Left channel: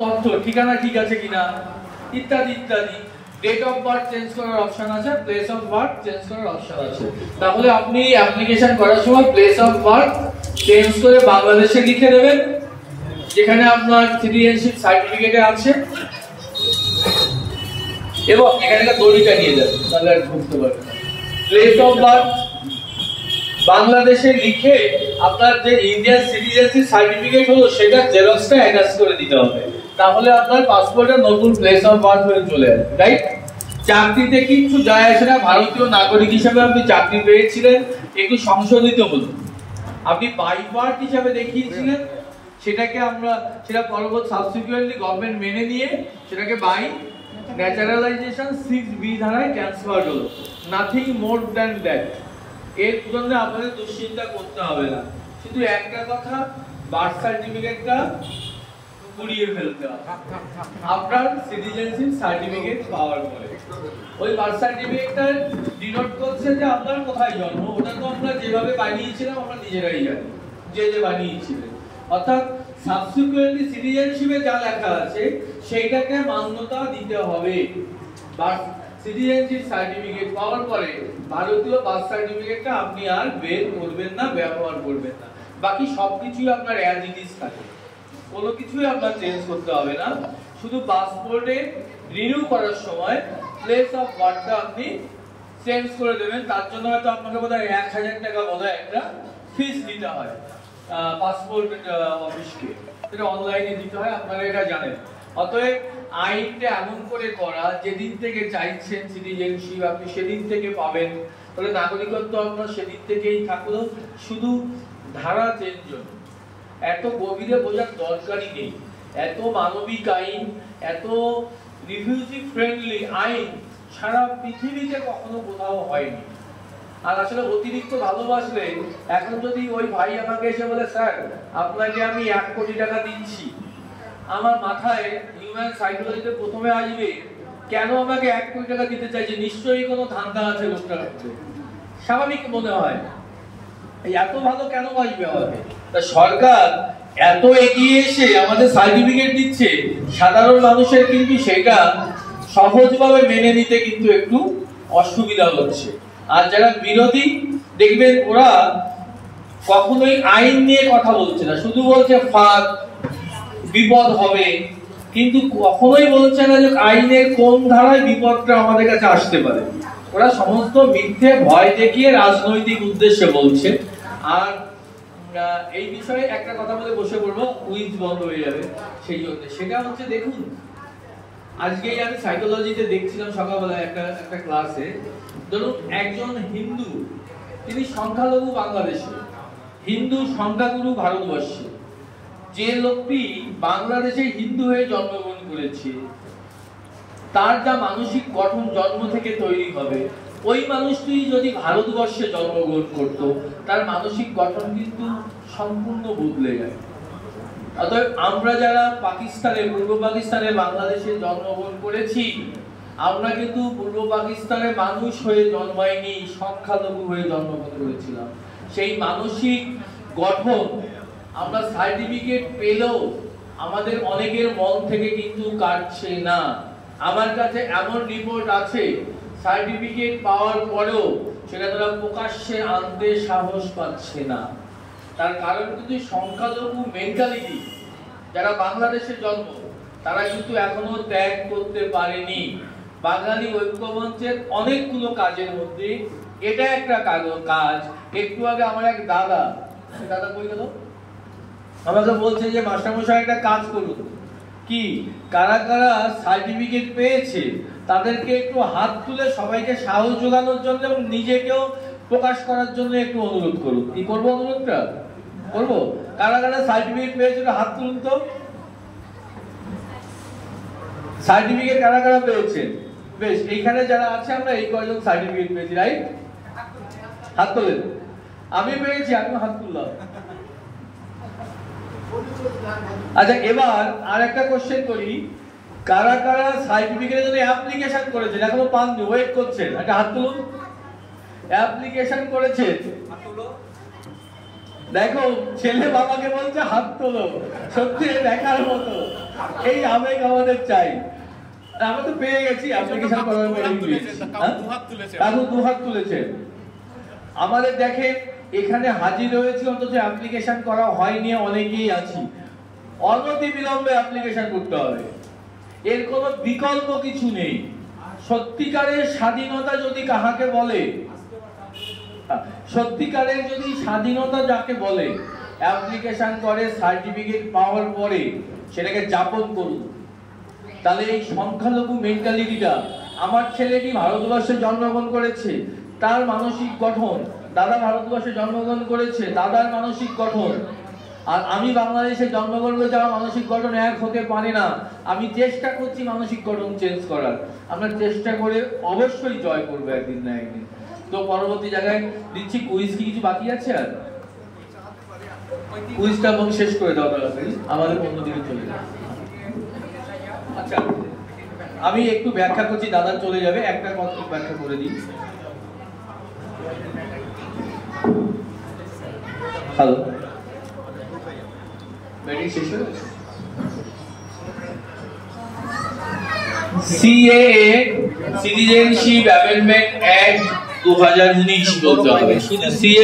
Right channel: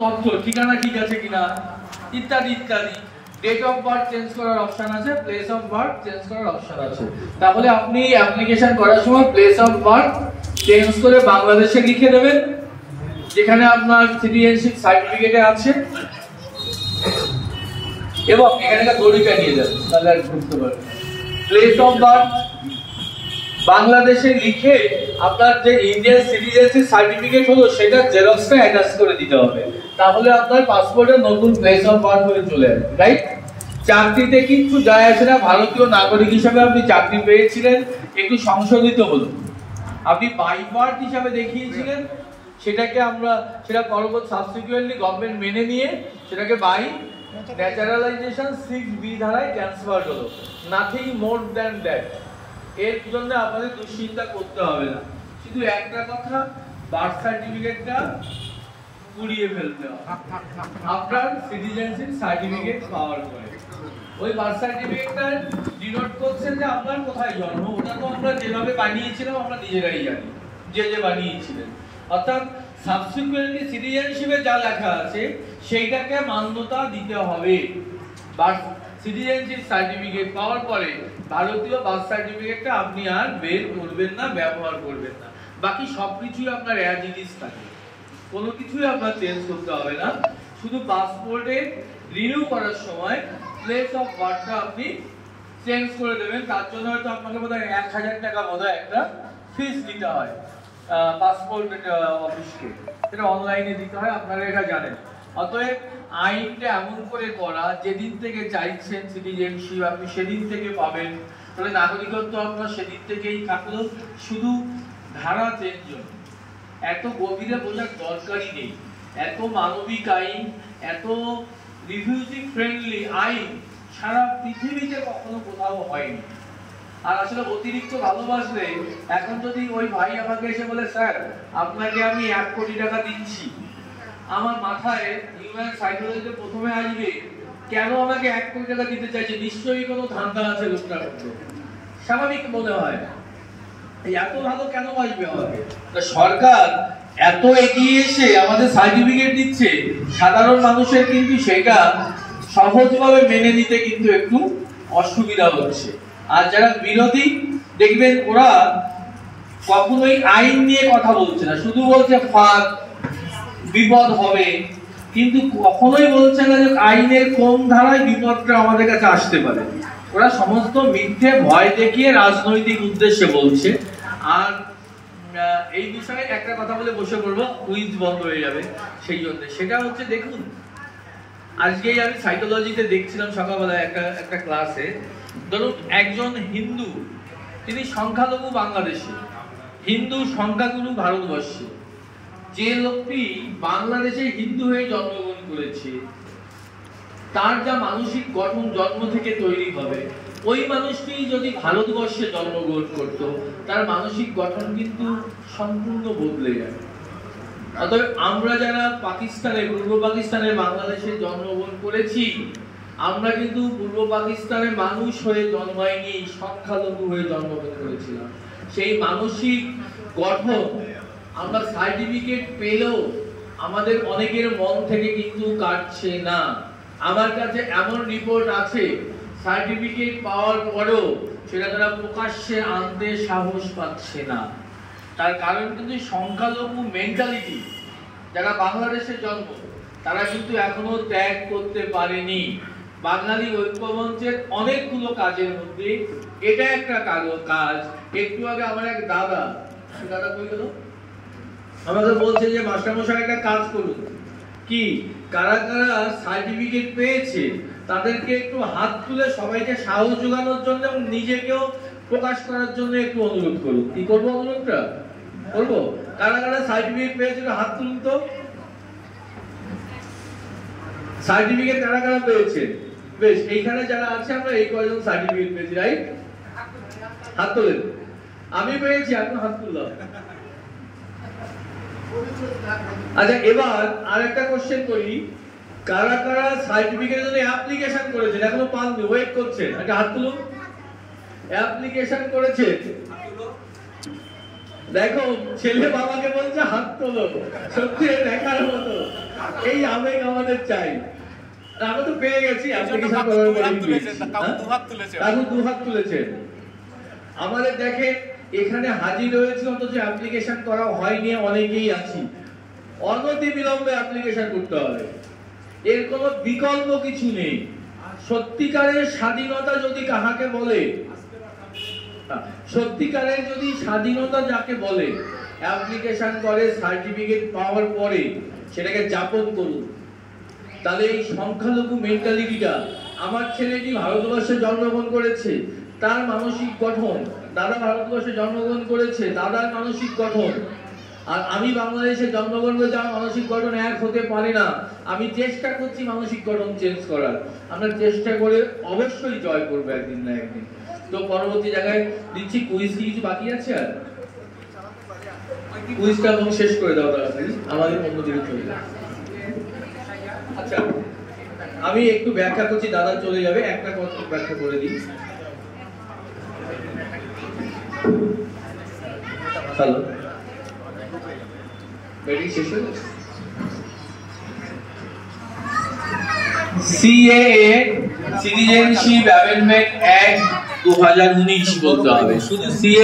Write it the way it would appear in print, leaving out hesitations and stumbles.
তথ্য ঠিকানা ঠিক আছে কিনা ইত্যাদি ইত্যাদি। ডেট অফ বার্থ চেঞ্জ করার অপশন আছে, প্লেস অফ বার্থ চেঞ্জ করার অপশন আছে। তাহলে আপনি অ্যাপ্লিকেশন করার সময় প্লেস অফ বার্থ চেঞ্জ করে বাংলাদেশে লিখে দেবেন, যেখানে আপনার সিটিজেনশিপ সার্টিফিকেটে আছে, এবং এখানকার দড়িটা নিয়ে যাবেন, তাহলে আর বুঝতে পারবেন। প্লেস অফ বার্থ বাংলাদেশে লিখে আপনার যে ইন্ডিয়ান সিটিজেনশিপ সার্টিফিকেট হলো সেটা জেরক্সটা অ্যাটাচ করে দিতে হবে, তাহলে আপনার পাসপোর্টের নতুন প্লেস অফ বার্থ হয়ে চলে আসবে, রাইট? চাকরিতে কিছু যায় আসে না, ভারতীয় নাগরিক হিসেবে আপনি চাকরি পেয়েছিলেন, একটু সংশোধিত হলো। আপনি বাই বার্থ হিসাবে দেখিয়েছিলেন, সেটা পরবর্তী সাবসিকুয়েন্টলি গভর্নমেন্ট মেনে নিয়ে সেটাকে বাই ন্যাচারালাইজেশন 6B ধারায় ট্রান্সফার হলো, নাথিং মোর দ্যান দ্যাট। এর জন্য আপনাকে দুশ্চিন্তা করতে হবে না, শুধু একটা কথা, বার্থ সার্টিফিকেটটা পুড়িয়ে ফেলতে হবে আপনার সিটিজেনশিপ সার্টিফিকেট পাওয়ার পরে। ওই বার্থ সার্টিফিকেটটা ডিনোট করছে যে আপনার কোথায় জন্ম, ওটা তো আমরা যেভাবে বানিয়েছিলাম আমরা নিজেরাই জানি, যে বানিয়েছিলেন। অর্থাৎ সাবসিকুয়েন্টলি সিটিজেনশিপে যা লেখা আছে সেইটাকে মান্যতা দিতে হবে। বার্থ সিটিজেনশিপ সার্টিফিকেট পাওয়ার পরে ভারতীয় বার্থ সার্টিফিকেটটা আপনি আর বের করবেন না, ব্যবহার করবেন না, বাকি সবকিছুই আপনার অ্যাজ ইট ইজ থাকে, কোনো কিছুই আপনার চেঞ্জ করতে হবে না। শুধু পাসপোর্টে রিনিউ করার সময় প্লেস অফ বার্থটা আপনি চেঞ্জ করে দেবেন, তার জন্য হয়তো আপনাকে বোধহয় 1000 টাকা বোধহয় একটা ফিস দিতে হয় পাসপোর্ট অফিসকে, এটা অনলাইনে দিতে হয়, আপনারা এটা জানেন। অতএব আইনটা এমন করে করা, যেদিন থেকে চাইছেন সিটিজেনশিপ আপনি সেদিন থেকে পাবেন, তাহলে নাগরিকত্ব আপনার সেদিন থেকেই থাকলো, শুধু ধারা চেঞ্জ হলো। এত গভীরে বোঝার দরকারই নেই। এত মানবিক আইন, এত রিফিউজি ফ্রেন্ডলি আইন সারা পৃথিবীতে কখনো কোথাও হয়নি। আর আসলে অতিরিক্ত ভালোবাসলে, এখন যদি ওই ভাই আমাকে এসে বলে স্যার আপনাকে আমি 1 কোটি টাকা দিচ্ছি, আমার মাথায় হিউম্যান সাইকোলজিতে প্রথমে আসবে কেন আমাকে 1 কোটি টাকা দিতে চাইছে, নিশ্চয়ই কোনো ধান্দা আছে লোকটার মধ্যে, স্বাভাবিক মনে হয়। এত ভালো কেন বাসবে আমাকে? তা সরকার এত এগিয়ে এসে আমাদের সার্টিফিকেট দিচ্ছে, সাধারণ মানুষের কিন্তু সেটা সহজভাবে মেনে নিতে কিন্তু একটু অসুবিধা হচ্ছে। আর যারা বিরোধী দেখবেন ওরা কখনোই আইন নিয়ে কথা বলছে না, শুধু বলছে ফাঁদ, বিপদ হবে, কিন্তু কখনোই বলছে না যে আইনের কোন ধারায় বিপদটা আমাদের কাছে আসতে পারে। ওরা সমস্ত মিথ্যে ভয় দেখিয়ে রাজনৈতিক উদ্দেশ্যে বলছে। আর এই বিষয়ে একটা কথা বলে বসে পড়বো, কুইজ বন্ধ হয়ে যাবে সেই জন্য। সেটা হচ্ছে, দেখুন আজকেই আমি সাইকোলজিতে দেখছিলাম সকালবেলা একটা ক্লাসে, ধরুন একজন হিন্দু, তিনি সংখ্যালঘু বাংলাদেশে, হিন্দু সংখ্যাগুরু ভারতবর্ষে, যে লোকটি বাংলাদেশে হিন্দু হয়ে জন্মগ্রহণ করেছে, তার যা মানসিক গঠন জন্ম থেকে তৈরি হবে, ওই মানুষটি যদি ভারতবর্ষে জন্মগ্রহণ করত, তার মানসিক গঠন কিন্তু সম্পূর্ণ বদলে যায়। অতএব আমরা যারা পাকিস্তানে, পূর্ব পাকিস্তানে বাংলাদেশে জন্মগ্রহণ করেছি, আমরা কিন্তু পূর্ব পাকিস্তানে মানুষ হয়ে জন্মাইনি, সংখ্যালঘু হয়ে জন্মগ্রহণ করেছিলাম। সেই মানসিক গঠন আমরা সার্টিফিকেট পেলেও আমাদের অনেকের মন থেকে কিন্তু কাটছে না। আমার কাছে এমন রিপোর্ট আছে, সার্টিফিকেট পাওয়ার পরেও সেটা তারা প্রকাশ্যে আনতে সাহস পাচ্ছে না। তার কারণ কিন্তু সংখ্যালঘু মেন্টালিটি, যারা বাংলাদেশে জন্ম, তারা কিন্তু এখনো ত্যাগ করতে পারেনি। বাঙালি ঐক্যমঞ্চের অনেকগুলো কাজের মধ্যে এটা একটা কাজ। একটু আগে আমার এক দাদা, সে দাদা কই গেল, আমাকে বলছে যে মাস্টারমশাই একটা কাজ করুন। কি? কারা কারা সার্টিফিকেট পেয়েছে তাদেরকে একটু হাত তুলে সবাইকে সাহস যোগানোর জন্য এবং নিজেকেও প্রকাশ করার জন্য একটু অনুরোধ করুন। কি করবো অনুরোধটা? করবো। কারা কারা সার্টিফিকেট পেয়েছে হাত তুলুন তো। সার্টিফিকেট কারা কারা পেয়েছে? বেশ, এইখানে যারা আছে আমরা এই কয়েকজন সার্টিফিকেট পেয়েছি, রাইট? হাত তোলেন। আমি পেয়েছি, আমি হাত তুললাম। আচ্ছা, এবার আরেকটা কোশ্চেন করি, কারা কারা সার্টিফিকেটের জন্য অ্যাপ্লিকেশন করেছেন, এখনো পাননি, ওয়েট করছেন? একটা হাত তুলুন। অ্যাপ্লিকেশন করেছেন, দেখো ছেলে বাবাকে বলছে হাত তোলো, সত্যি দেখার মতো। এই আবেগ আমাদের চাই। আমরা তো পেয়ে গেছি, দুহাত তুলেছে। আমাদের দেখেন এখানে হাজির হয়েছি, অথচ অ্যাপ্লিকেশন করা হয়নি, অনেকেই আছি। অনতি বিলম্বে অ্যাপ্লিকেশন করতে হবে, এর কোনো বিকল্প কিছু নেই। সত্যিকারের স্বাধীনতা যদি কাহাকে বলে, সত্যিকারের যদি স্বাধীনতা যাকে বলে, অ্যাপ্লিকেশন করে সার্টিফিকেট পাওয়ার পরে সেটাকে যাপন করুন। তাহলে এই সংখ্যালঘু মেন্টালিটিটা, আমার ছেলেটি ভারতবর্ষে জন্মগ্রহণ করেছে, তার মানসিক গঠন, দাদা ভারতবর্ষে জন্মগ্রহণ করেছে, দাদার মানসিক গঠন, আর আমি বাংলাদেশে জন্মগ্রহণ করে যাওয়া মানসিক গঠন এক হতে পারে না। আমি চেষ্টা করছি মানসিক গঠন চেঞ্জ করার, আমরা চেষ্টা করে অবশ্যই জয় করবো একদিন না একদিন। তো পরবর্তী জায়গায় দিচ্ছি কুইজ। কি কিছু বাকি আছে? আর কুইজটা এবং শেষ করে দাও তাহলে, আমাদের অন্যদিকে চলে যাবে। আচ্ছা, আমি একটু ব্যাখ্যা করছি, দাদা চলে যাবে, একটা কথা ব্যাখ্যা করে দিই। হ্যালো, ব্যাটারি শেষ হয়ে গেছে? সিএএ সিটিজেনশিপ অ্যামেন্ডমেন্ট অ্যাক্ট 2019 বলতে হবে, শুধু সিএ